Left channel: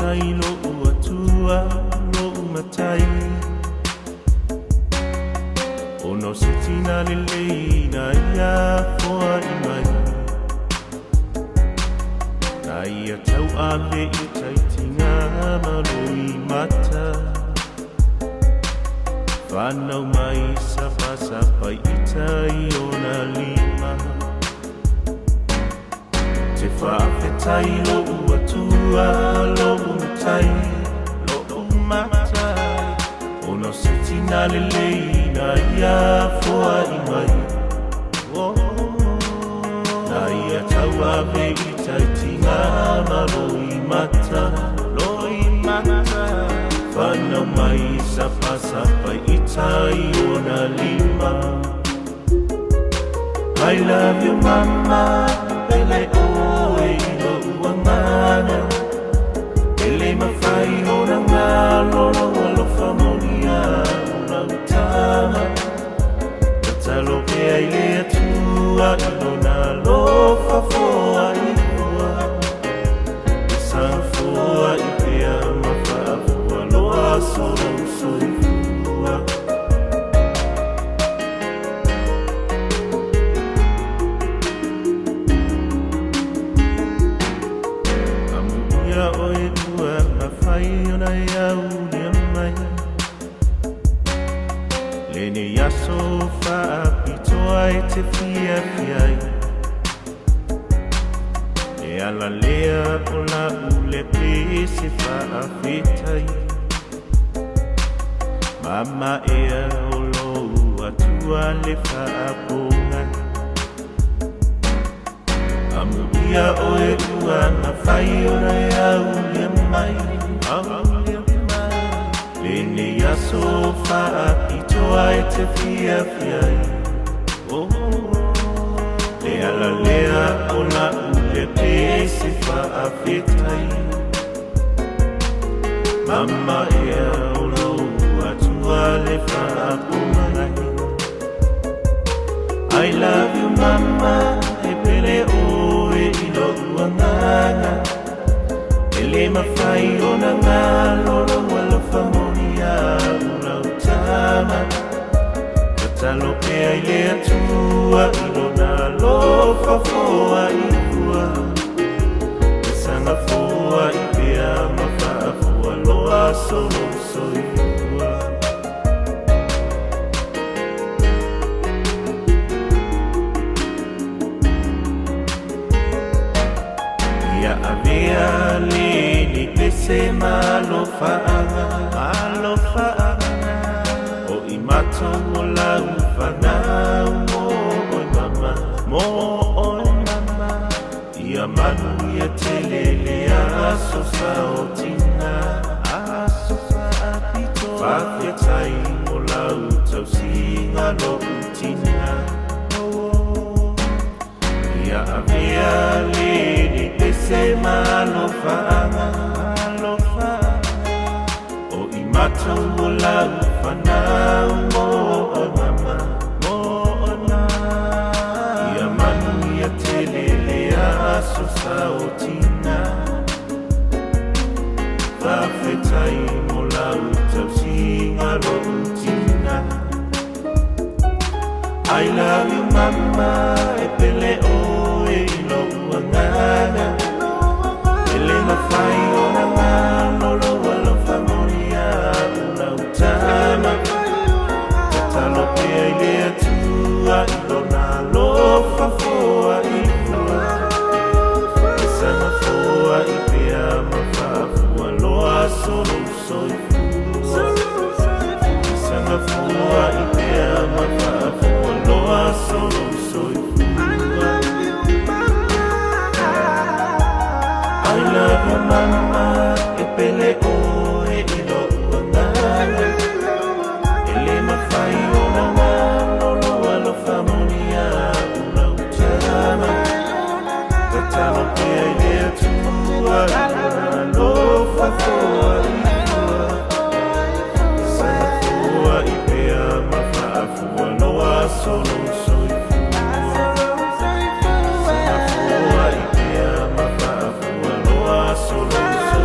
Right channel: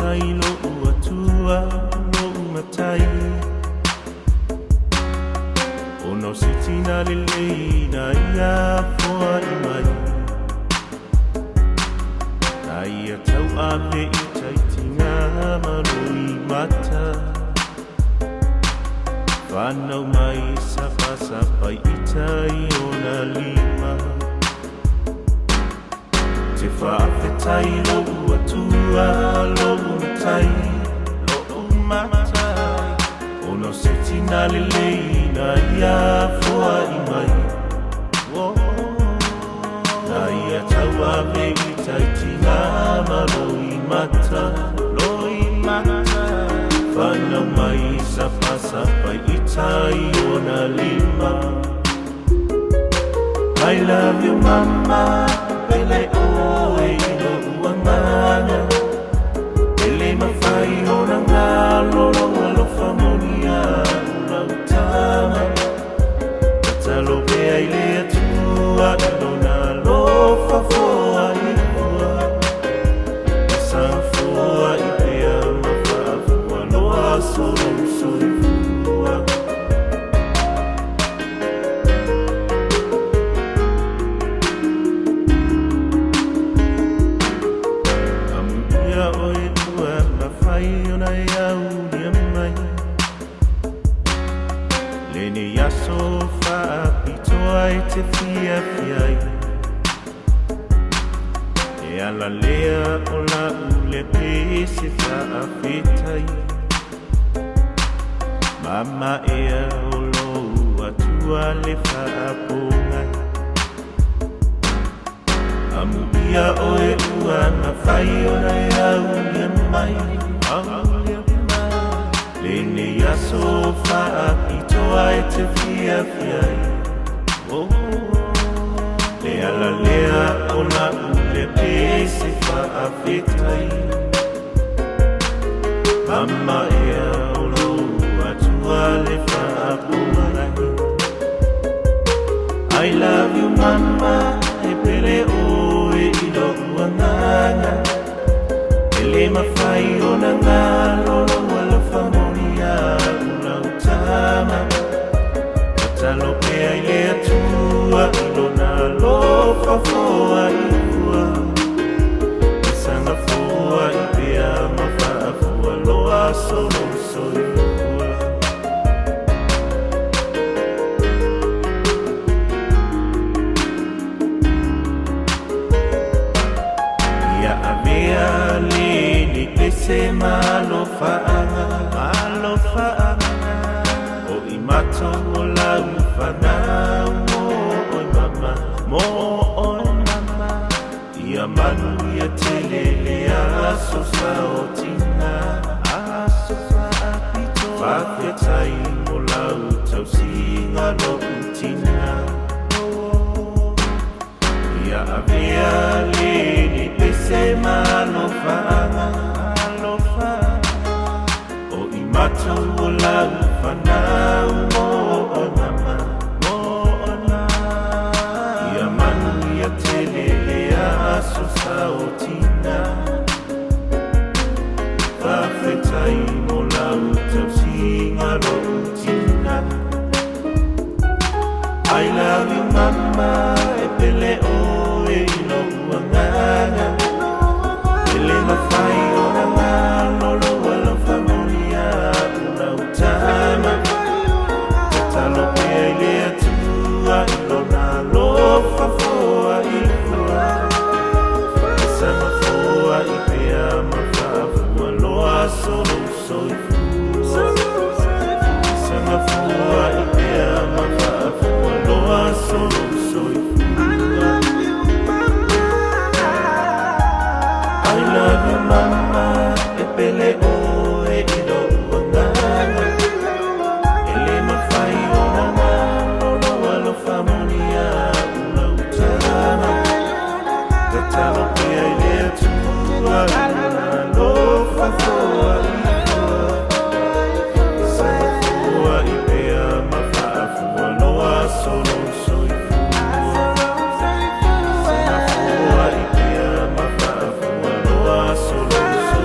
tai lo atua lo matai ono sitina lele na ia foi mai ai tau ave i tai tina mai mata Whanau mai sapa i tai ona lima Te whawhetai lo atua lo tai lo mata Ono sitina lele na ia foi mai Na ia tau ave i tai tina mai mata lo mata Whanau mai sapa i tai ona lima I love you mama and I always love you mama Ele ma fai ona ngalo lo famonia tama Talo pe ai le tua lona lo fa fua Sa fua ia ma fa no so Te fia fiai E ala lea o la ule pese wha fitai Mama e ala o lo atua le wha konga Amu ia oe uana whai o ia ule mai Lene aso wha itoa te fia fiai Ala lea ona ule pese wha fitai Mama e ala o atua le wha konga I love you mama e pere oe i no uangana Ele ma whai ona malo wala whamonia ula utama Talo pe ai lea tua Lofa fua i fua Sanga fua i pia mawhana fua Loa solo fua Ia avia lili Ese malo fa'ana O i mato mo la mufana O mama Mo o mama Ia manu ia telele Asusa o tina Asusa apito Whawhetai o lau Tau singa no utina Ia avia lili Ese malo whaana O i mato o lau Whanau o mama Ia manu ia telele asusa o tina Whawhetai mo lau tau singa no tina I love you mama e pele oe i loa ngana Ele na whai o ngano lo alo whanoria o tama Talo pe ia tua ilona Lofa fua i fua Sanga fua i pia mawha fua Loa solo soi fua Sanga fua i pia mawha fua Loa solo soi fua I love you mama E pele oe i loa ngana Ele na whai o ngano Lo whamonia ula utama Talo pia ia tua Lofa fua i fua Sanga fua i pia mawha fua Loa solo soi fua Sanga fua i pia mawha fua Loa solo soi